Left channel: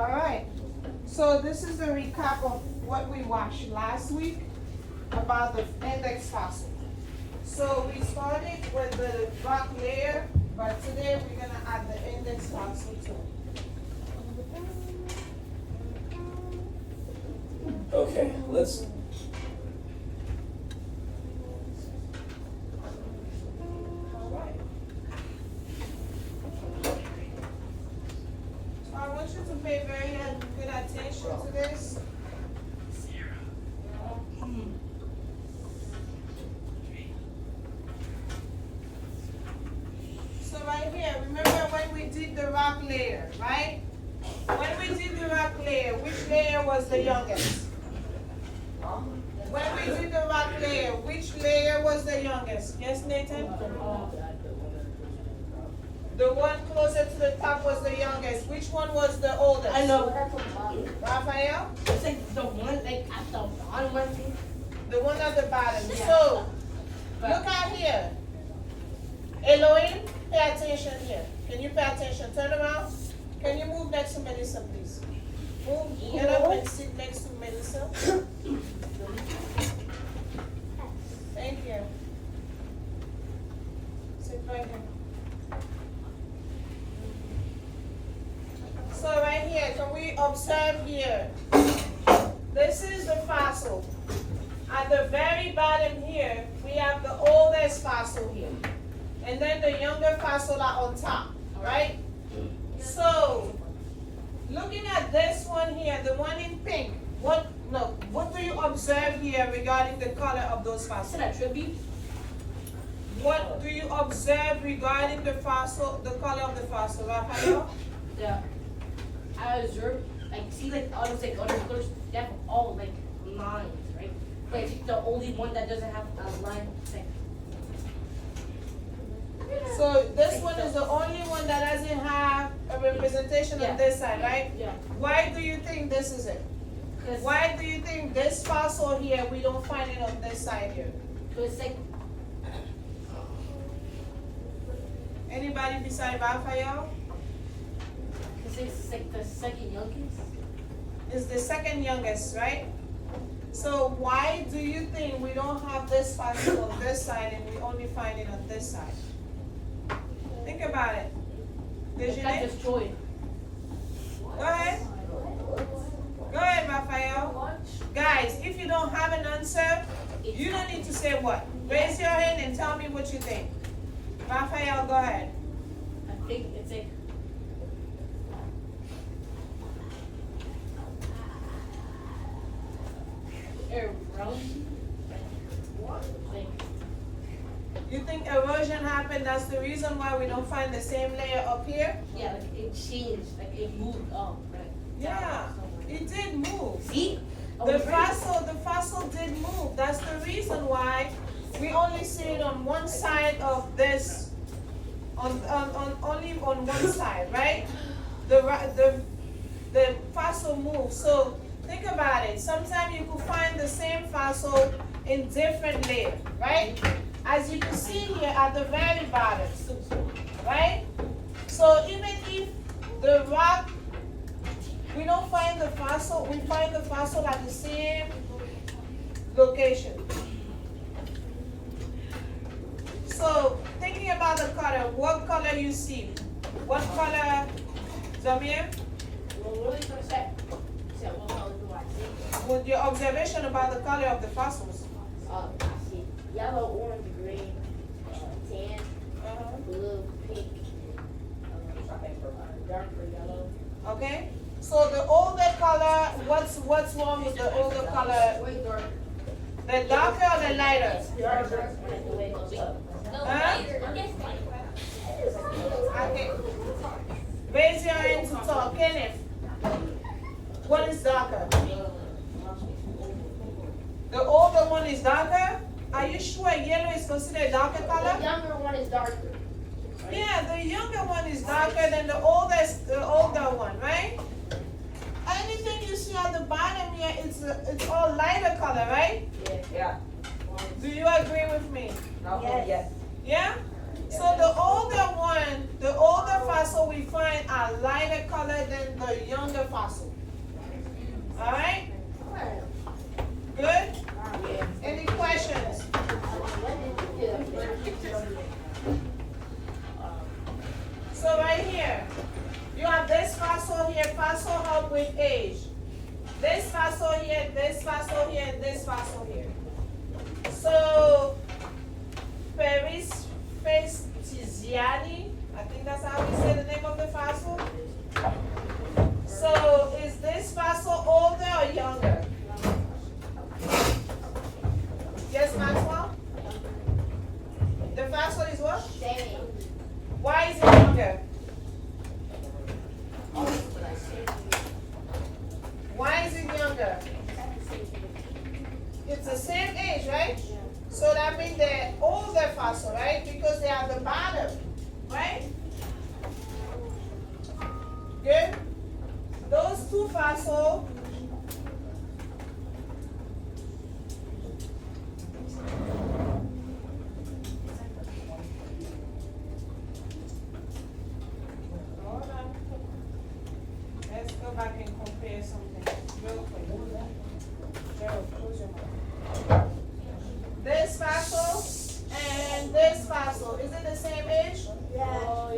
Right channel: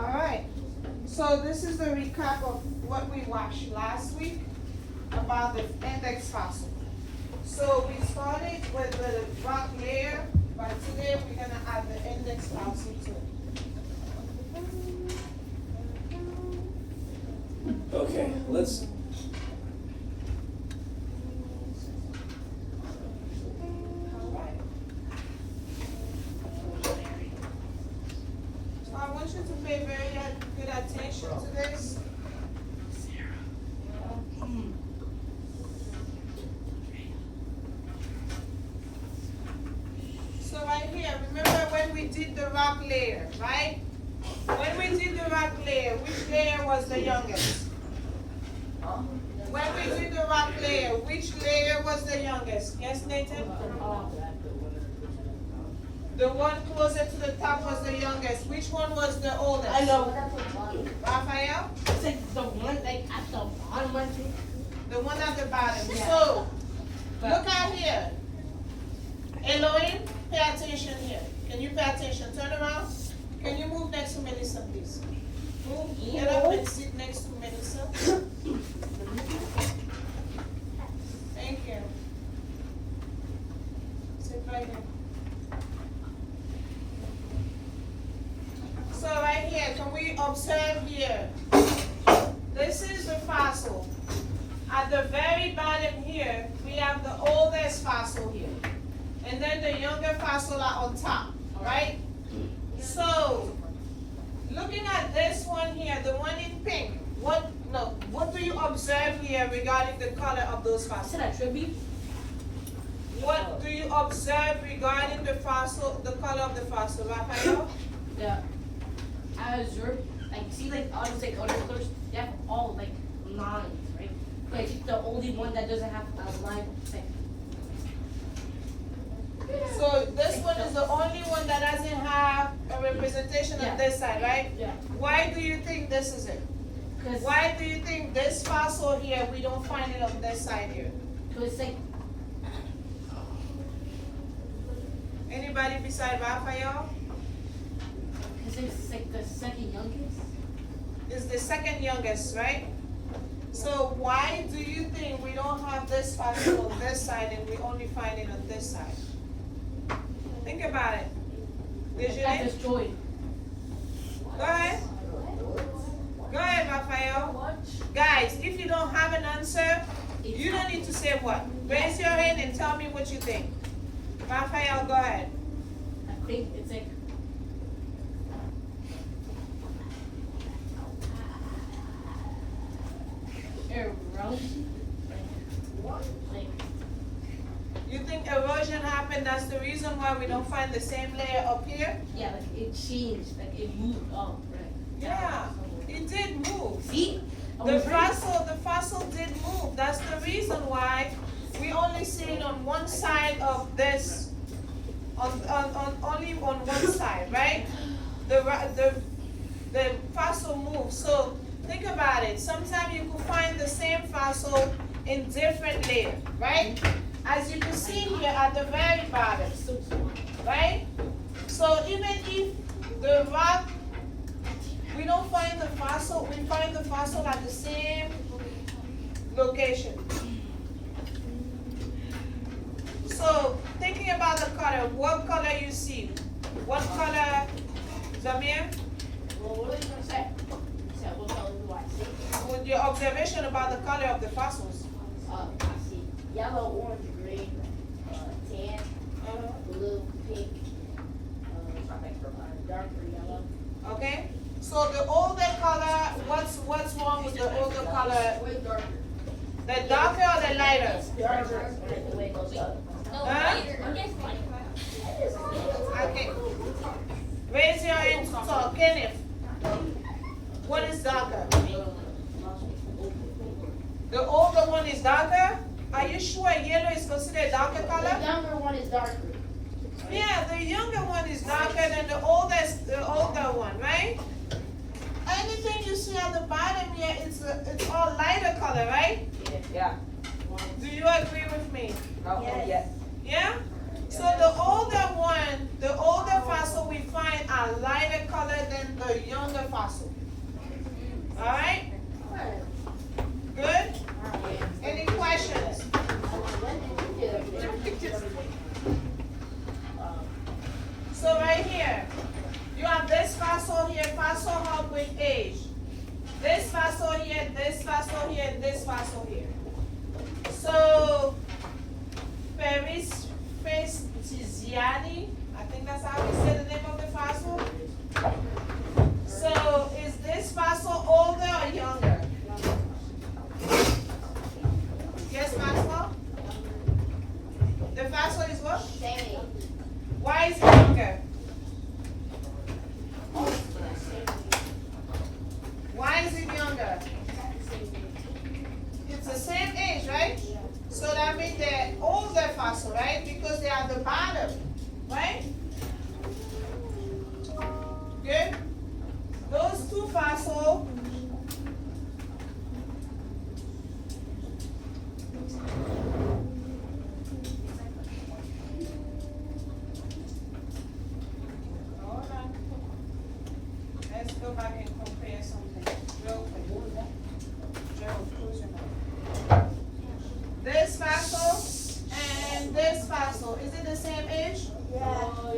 Alright, so this is a recap of what we watched last week about the index fossil. So we started with the rock layer, but today we're gonna add the index fossil to it. Okay, let's. I want you to pay very good attention to this. So right here, remember when we did the rock layer, right? When we did the rock layer, which layer was the youngest? When we did the rock layer, which layer was the youngest? Yes, Nathan? The one closer to the top was the youngest. Which one was the oldest? I know. Raphael? It's like the one like at the bottom, I think. The one at the bottom. Yeah. So, look out here. Elohim, pay attention here. Can you pay attention? Turn around. Can you move next to Melissa, please? Move. Get up and sit next to Melissa. Thank you. Sit right here. So right here, can we observe here? This is the fossil. At the very bottom here, we have the oldest fossil here. And then the younger fossil are on top, right? So, looking at this one here, the one in pink, what do you observe here regarding the color of those Is fossils? that a tribute? What do you observe regarding the fossil, the color of the fossil, Raphael? Yeah. As you're like see like all those like other colors, they have all like lines, right? Like the only one that doesn't have a line like So this one is the only one that doesn't have a representation Yeah. on this side, right? yeah. Why do you think this is it? Cause Why do you think this fossil here, we don't find it on this side here? it's like Anybody beside Raphael? it's like the second youngest. Is the second youngest, right? So why do you think we don't have this fossil on this side and we only find it on this side? Think about it. That's Desiree? destroyed. Go ahead. Go ahead, Raphael. Guys, if you don't have an answer, you don't need to say what. Raise your hand and tell me what you think. Raphael, go ahead. I think it's like erosion. You think erosion happened, that's the reason why we don't find the same layer up here? Yeah, like it changed, like it moved up, right? Yeah, it did move. See? The fossil did move. That's the reason why we only see it on one side of this, only on one side, right? The fossil moves. So think about it. Sometimes you could find the same fossil in different layers, right? As you can see here at the very bottom, right? So even if the rock, we don't find the fossil, we find the fossil at the same location. So thinking about the color, what color you see? What color, Zamir? With your observation about the color of the fossils? I see yellow, orange, green, tan, blue, pink, darker yellow. Okay? So the older color, what's wrong with the older color? The darker or the lighter? Darker. The way it goes up. Huh? Okay. Raise your hand to talk. Kenneth, what is darker? The older one is darker? Are you sure yellow is considered darker color? The younger one is darker. Yeah, the younger one is darker than the older one, right? Anything you see at the bottom here, it's all lighter color, right? Yeah. Do you agree with me? No, yes. Yeah? So the older one, the older fossil we find are lighter color than the younger fossil. fossil. Alright? Good? Any questions? So right here, you have this fossil here, fossil hub with age. This fossil here, this fossil here, and this fossil here. So, Peristesiani, I think that's how we say the name of the fossil. So, is this fossil older or younger? Yes, Maxwell? The fossil is what? Why is it younger? Why is it younger? It's the same age, right? So that means they're older fossil, right? Because they are the bottom, right? Good? Those two fossils. Hold on. Let's go back and compare something real quick. Gerald, close your mouth. This fossil and this fossil, is it the same age? No.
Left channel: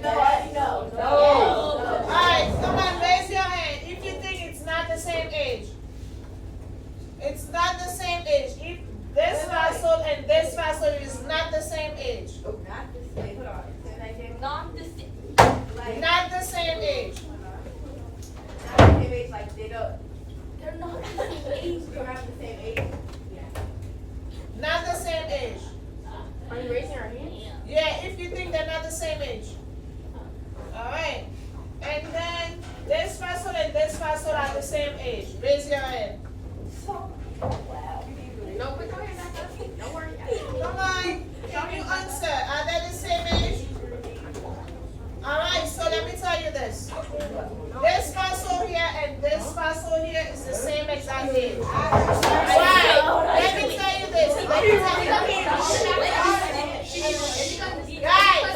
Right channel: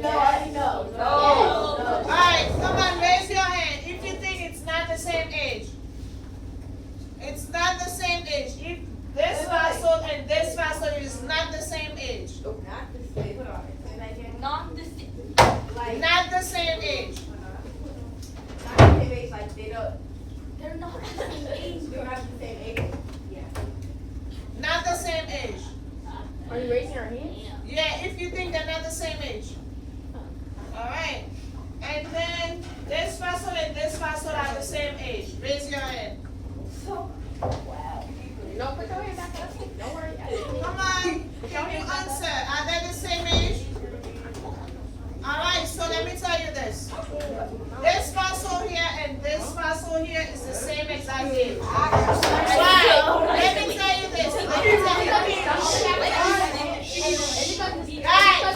Alright, come on, raise your hand if you think it's not the same age. It's not the same age. If this fossil and this fossil is not the same age. Not the same age. They're not the same age. Not the same age. Are you raising our hands? Yeah, if you think they're not the same age. Alright. And then this fossil and this fossil are the same age. Raise your hand. Wow. No, put your hand back up. Don't worry. Come on. Can you answer? Are they the same age? Alright, so let me tell you this. This fossil here and this fossil here is the same exact age. Why? Let me tell you this. Let me tell you. Guys,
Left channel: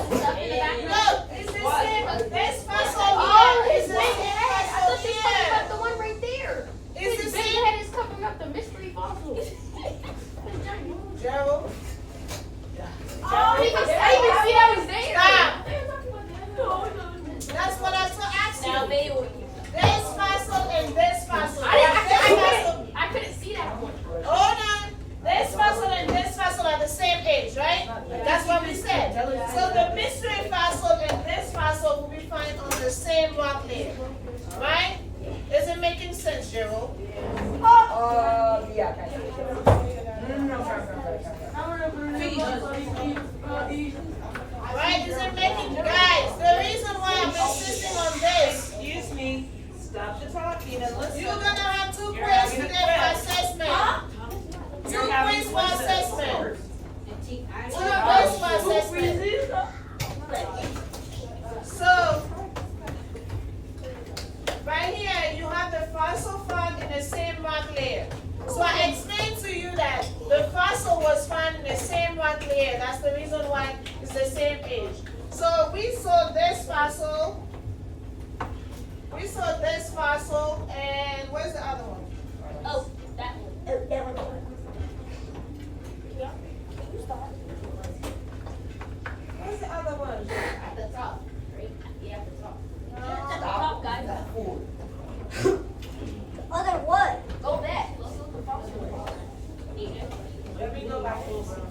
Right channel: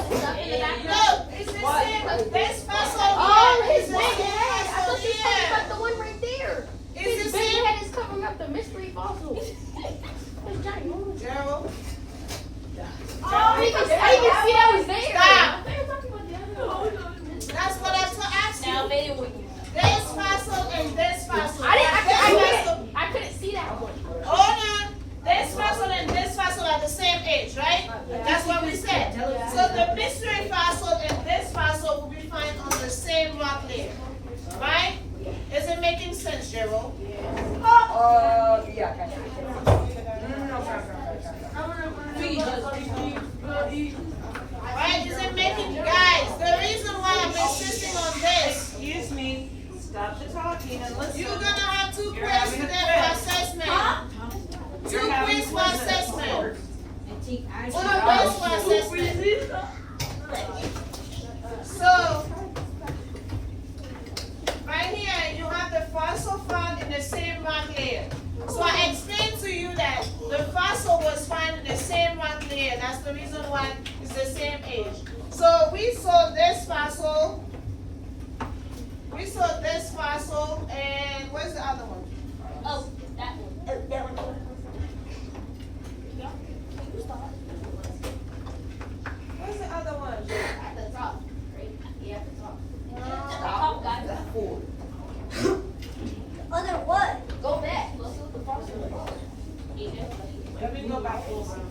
look, it's the same. This fossil Oh, here his is the big same head. I thought fossil you were talking about here. the one right there. It's His the big same. head is covering up the mystery fossil. That's giant. Gerald, I didn't even see that was there. Stop. That's what I was gonna ask you. This fossil and this fossil. I couldn't see that one. Hold on. This fossil and this fossil are the same age, right? That's what we said. So the mystery fossil and this fossil will be found on the same rock layer, right? Is it making sense, Gerald? Yeah. Right? Is it making, guys? The reason why I'm insisting on this, Excuse me, stop the talking and listen. you're gonna have 2 quiz today for assessment. 2 quiz for assessment. 2 quiz for assessment. So, right here, you have the fossil found in the same rock layer. So I explained to you that the fossil was found in the same rock layer. That's the reason why it's the same age. So we saw this fossil. We saw this fossil, and where's the other one? Oh, that one. Where's the other one? At the top. Right? Yeah, at the top. At the top, guys. Other what? Go back. Let's look at the fossil. Let me go back closer.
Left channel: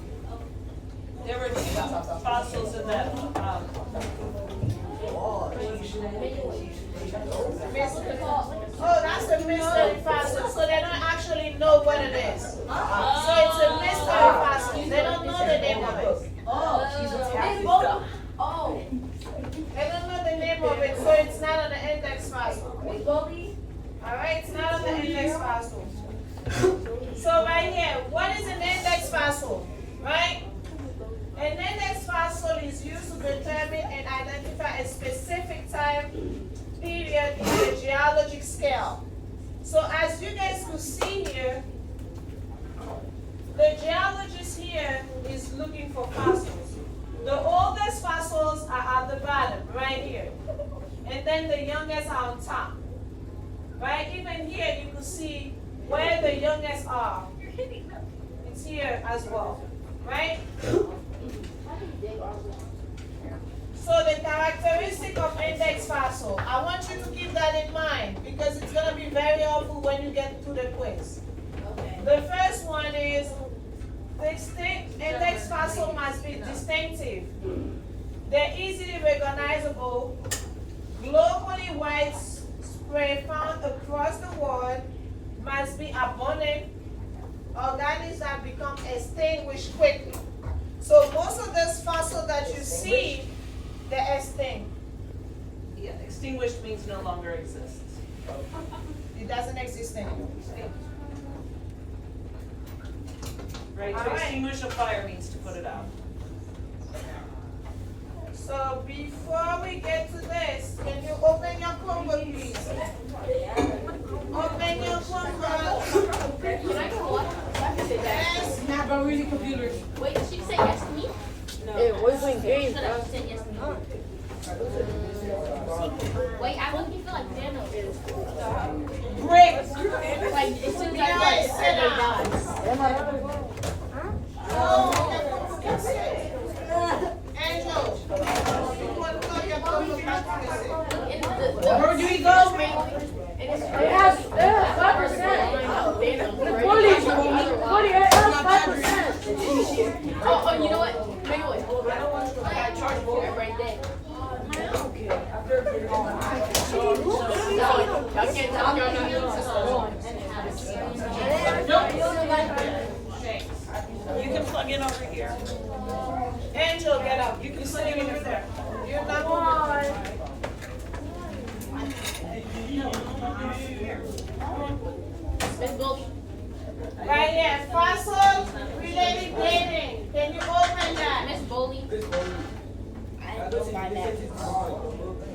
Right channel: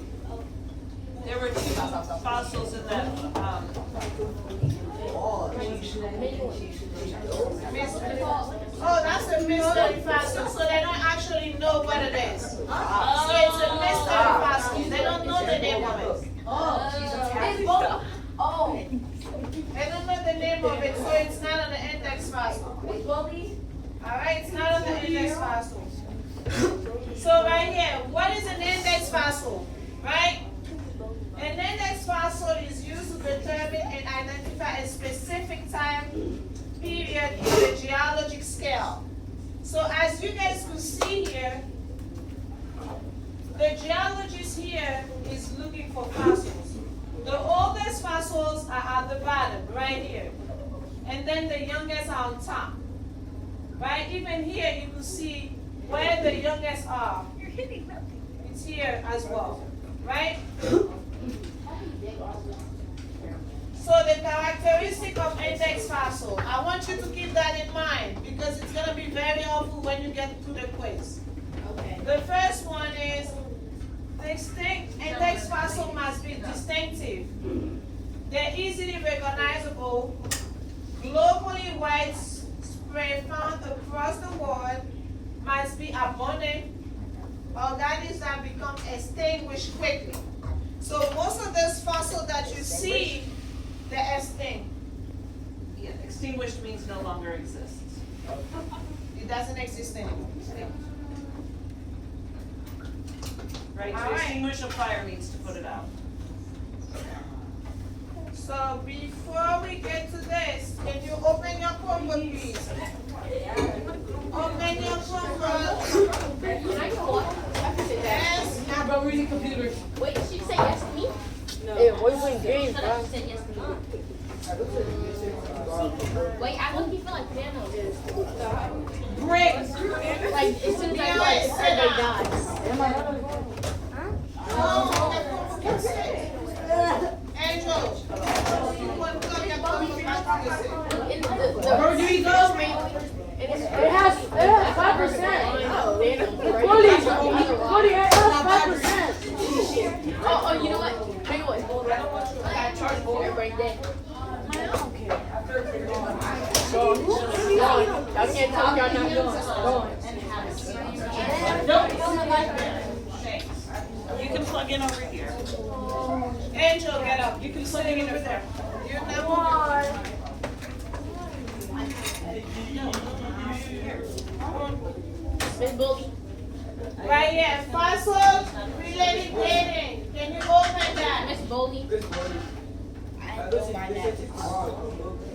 There were 2 fossils in that, Oh, that's a mystery fossil, so they don't actually know what it is. So it's a mystery fossil. They don't know the name of it. Oh. They don't know the name of it, so it's not on the index fossil. Alright, it's not on the index fossil. So right here, what is an index fossil? Right? An index fossil is used to determine and identify a specific time period in the geologic scale. So as you guys can see here, the geologist here is looking for fossils. The oldest fossils are at the bottom, right here. And then the youngest are on top. Right? Even here, you can see where the youngest are. It's here as well. Right? So the characteristic of index fossil, I want you to keep that in mind because it's going to be very helpful when you get to the quiz. Okay. The first one is index fossil must be distinctive. They're easily recognizable, globally widespread, found across the world, must be abundant, organisms that become extinguished quickly. So most of those fossils that you see, they're extinct. Yeah, extinguished means no longer exists. It doesn't exist anymore. Right, All to right. extinguish a fire means to put it out. So before we get to this, can you open your Chromebook, please? Open your Chromebook. Can I go what? Yes. Now, bro, reading computer. Wait, did she say yes to me? No. Hey, what are you playing games, Shut bro? up, she said yes to me. Wait, I wouldn't feel like Thanos. Great. Like, as soon as I like, everybody dies. Angel, you want to plug your Chromebook back to this? And Where do we go? It has 5%. Thanos, right? 40, That's what the other one. it has 5%. Oh, you know what? You know what? Right there. I can't tell y'all not doing. You can plug in over here. Angel, get up. You can plug in over there. You're not moving. Miss Goldie. Right here, fossil related dating. Can you open that? Miss Goldie.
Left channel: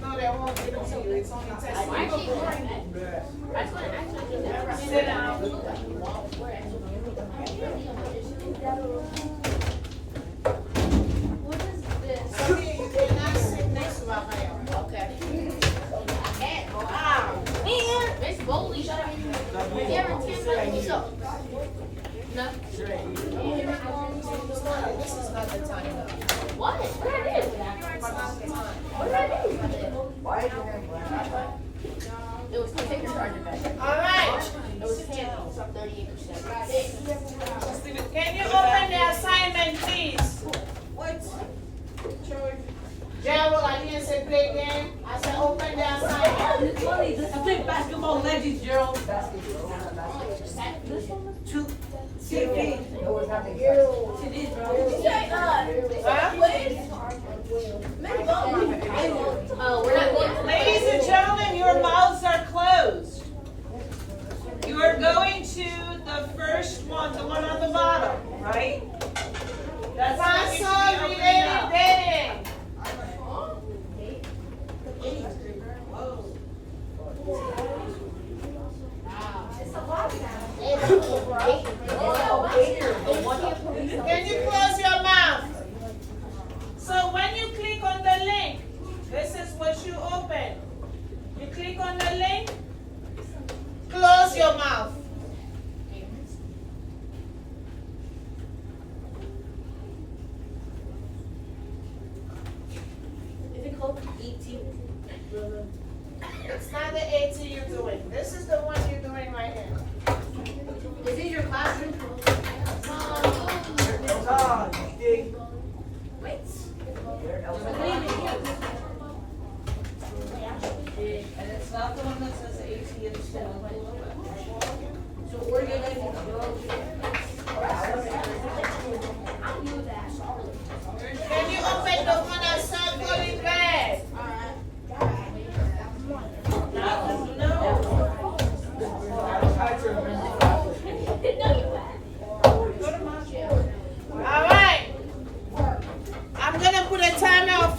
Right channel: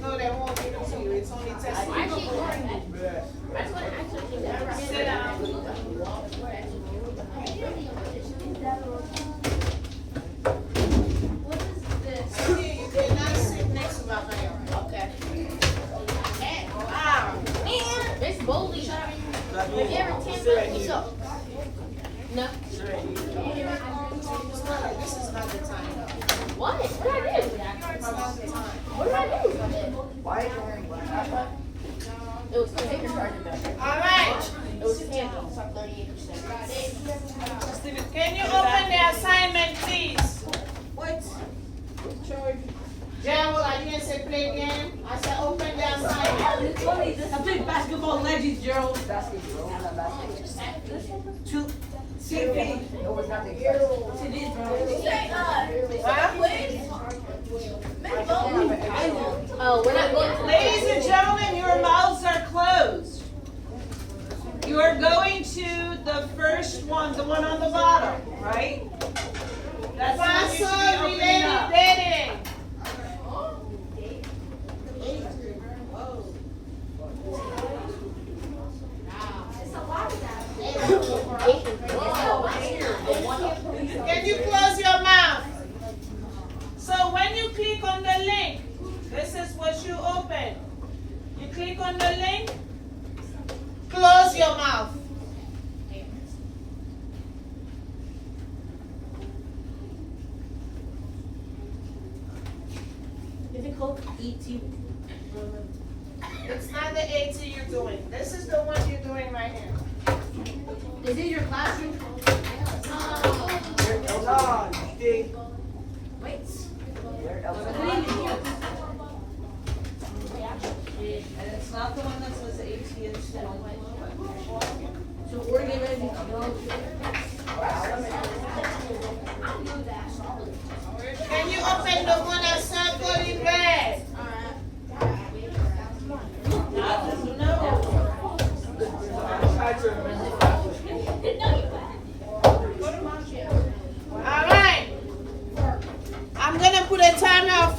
No, they won't give it to you. It's only I testing. actually ignoring that. I just want to actually keep that. Sit down. What is this? Something you cannot sit next to Raphael. Okay. Miss Goldie. There are 10 minutes. So. No. This is not the time. What? What did I do? It's not the time. What did I do? It was 10. All right. It was 10. 38%. Can you open the assignment, please? What? Gerald, I didn't say play game. I said open the assignment. I'm playing basketball legends, Gerald. CP. It is, bro. Oh, we're not going. Ladies and gentlemen, your mouths are closed. You are going to the first one, the one on the bottom, right? That's the one you should Fossil be opening related up. dating. Can you close your mouth? So when you click on the link, this is what you open. You click on the link, close your mouth. Is it called ET? It's not the AT you're doing. This is the one you're doing right here. Is it your classroom? Oh, Wait. And it's not the one that says AT instead. So organizing. can you open the one that's circled in red? All right. I'm gonna put a timer of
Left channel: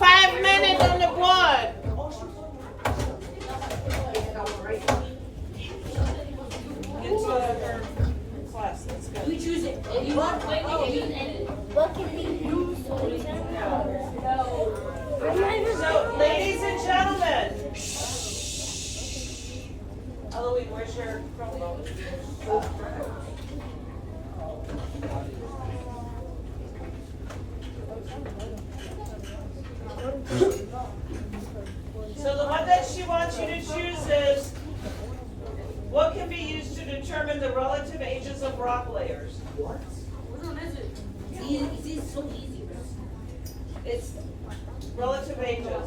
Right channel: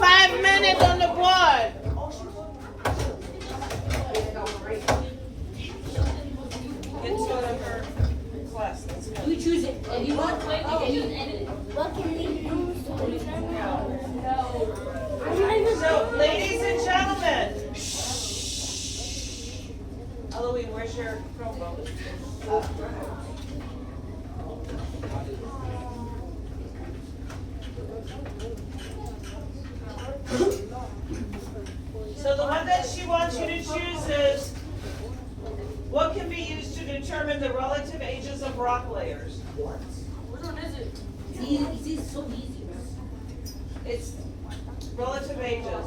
Eloise, where's your Chromebook? So the one that she wants you to choose is, what can be used to determine the relative ages of rock layers? Which one is it? It's so easy. It's relative ages.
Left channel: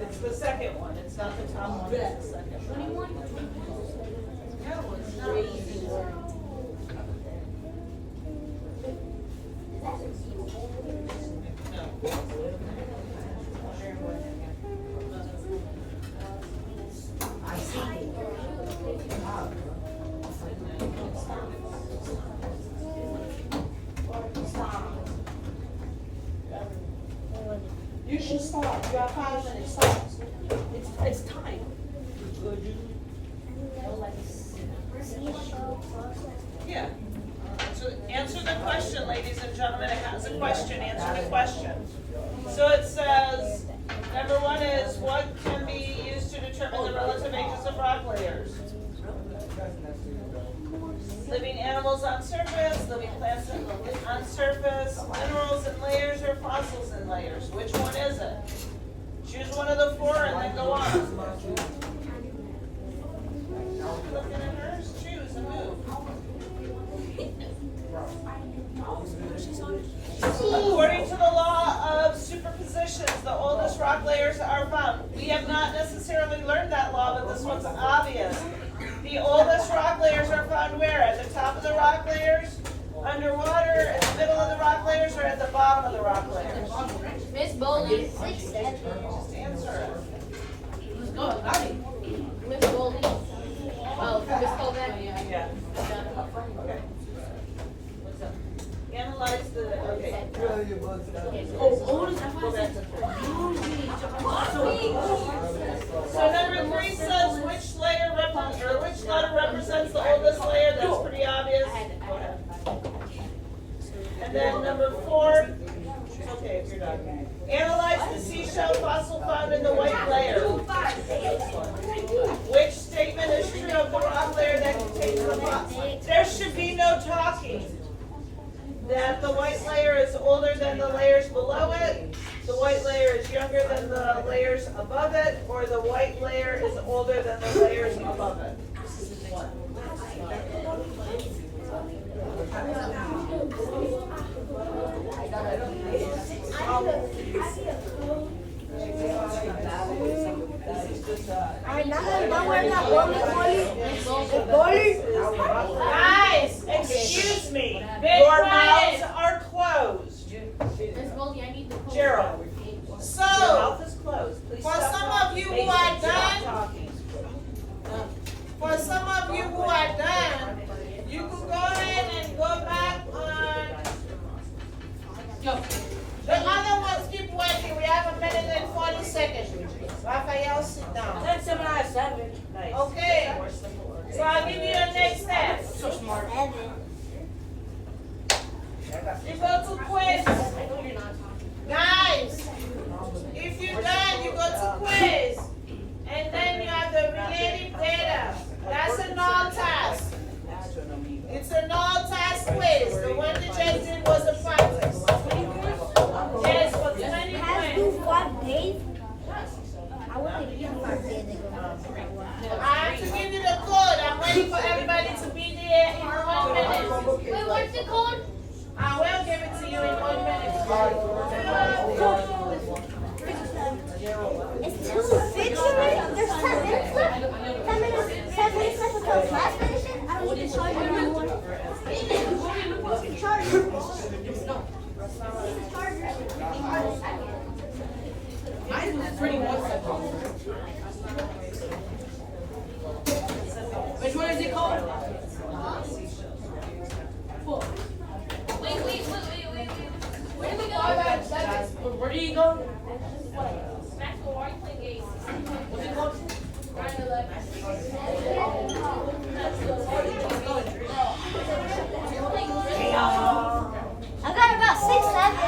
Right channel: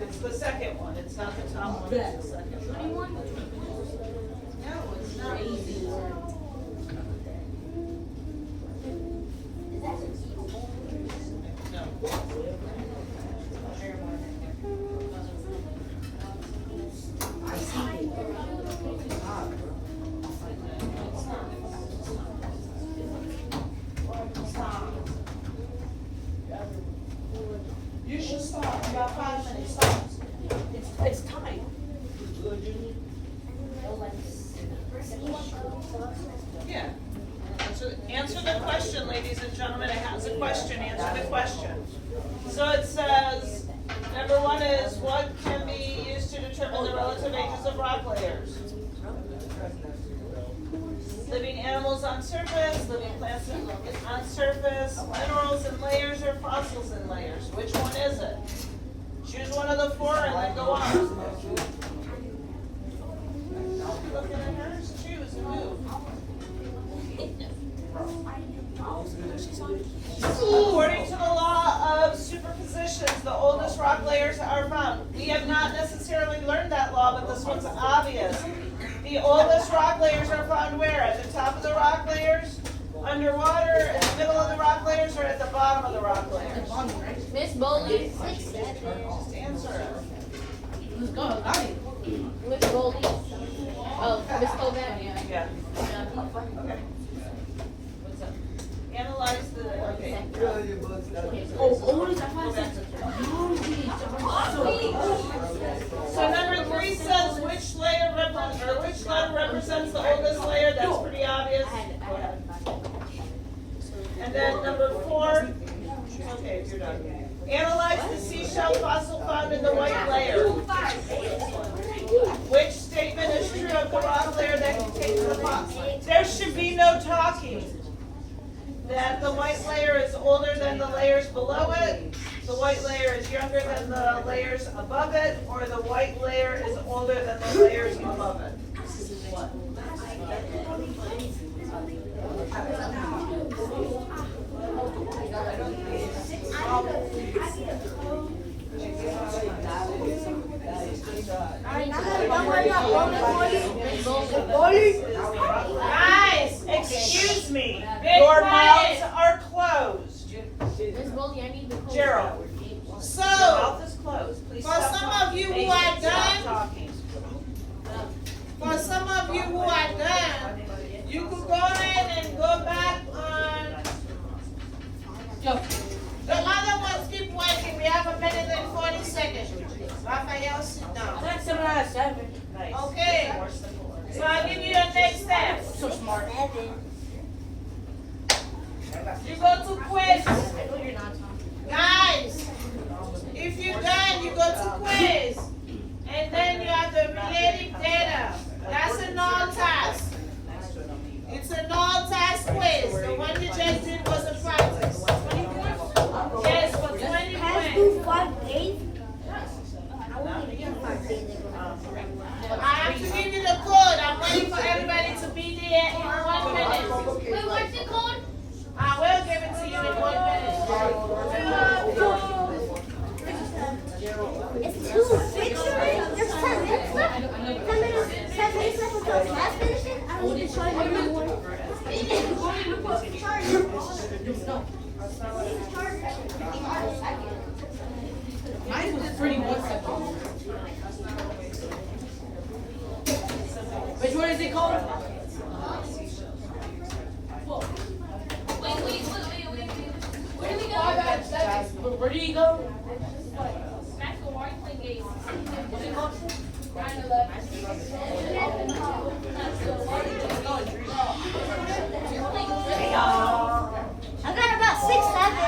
It's the second one, it's not the top one, it's the second one. No, it's not easy. You should stop. You have 5 minutes. Stop. It's time. Yeah. Answer the question, ladies and gentlemen. It has a question. Answer the question. So it says, number 1 is, what can be used to determine the relative ages of rock layers? Living animals on surface, living plants on surface, minerals in layers, or fossils in layers. Which one is it? Choose one of the 4 and then go on. Choose and move. According to the law of superpositions, the oldest rock layers are found. We have not necessarily learned that law, but this one's obvious. The oldest rock layers are found where? At the top of the rock layers, underwater, in the middle of the rock layers, or at the bottom of the rock layers? Miss Bowley. Just answer it. Let's go. Got it. Miss Bowley. Oh, Miss Kovac. Yeah. Okay. Analyze the, okay. So number 3 says which layer which line represents the oldest layer. That's pretty obvious. And then number 4, okay, if you're done. Analyze the seashell fossil found in the white layer. Which statement is true of the rock layer that contains the fossil? There should be no talking. That the white layer is older than the layers below it, the white layer is younger than the layers above it, or the white layer is older than the layers above it. Guys, excuse me, your mouths are closed. Miss Bowley, I need the code. Gerald, So, mouth is closed. Please for stop some talking. of you who Please are stop done, talking. for some of you who are done, you could go ahead and go back on. The other ones keep working. We have a minute and 40 seconds. Raphael, sit down. That's 7. Nice. Okay. More simple order. So I'll give you your next step. So smart. You go to quiz. I know you're not talking. Guys, if you're done, you go to quiz. And then you have the related data. That's a null task. It's a null task quiz. The one you just did was a practice. Yes, for 20 points. 5 days? I wouldn't give 5 days. I have to give you the code. I'm waiting for everybody to be there in 1 minute. Wait, what's the code? I will give it to you in 1 minute. It's 2:50. There's 10 minutes left. 10 minutes left until class finishes. I don't need to show you anymore. Which one is it called? Wait. Where do we go? Where do you go? Maxwell, why are you playing games? What's it called? 9/11. I got about 6 left.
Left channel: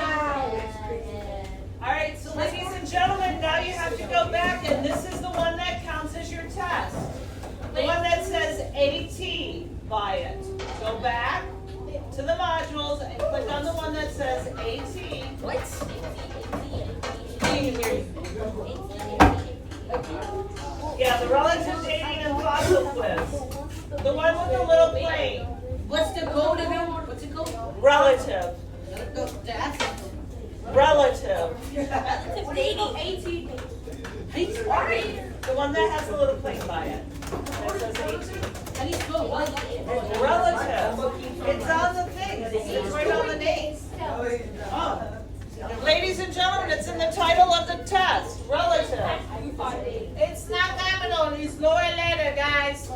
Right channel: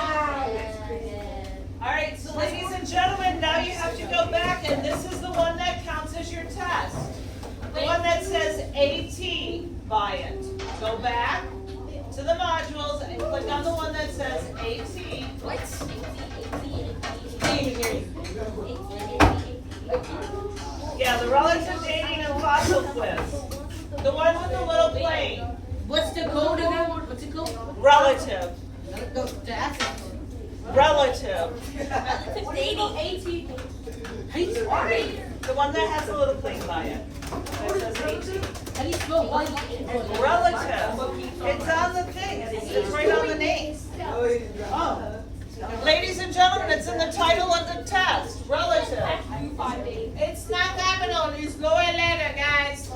All right, so ladies and gentlemen, now you have to go back, and this is the one back to the modules and click on the one that says AT. Yeah, the relative dating and fossil quiz. The one with the little plate. What's the code again? What's the code? Relative. That's it. Relative. Dating. The one that has a little plate by it. That says AT. How do you spell relative? Relative. It's on the thing. It's right on the name. Ladies and gentlemen, it's in the title of the test. Relative. It's not capital, it's lower letter, guys.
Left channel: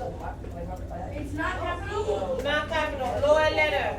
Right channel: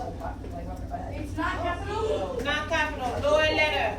It's not capital. Not capital, lower letter.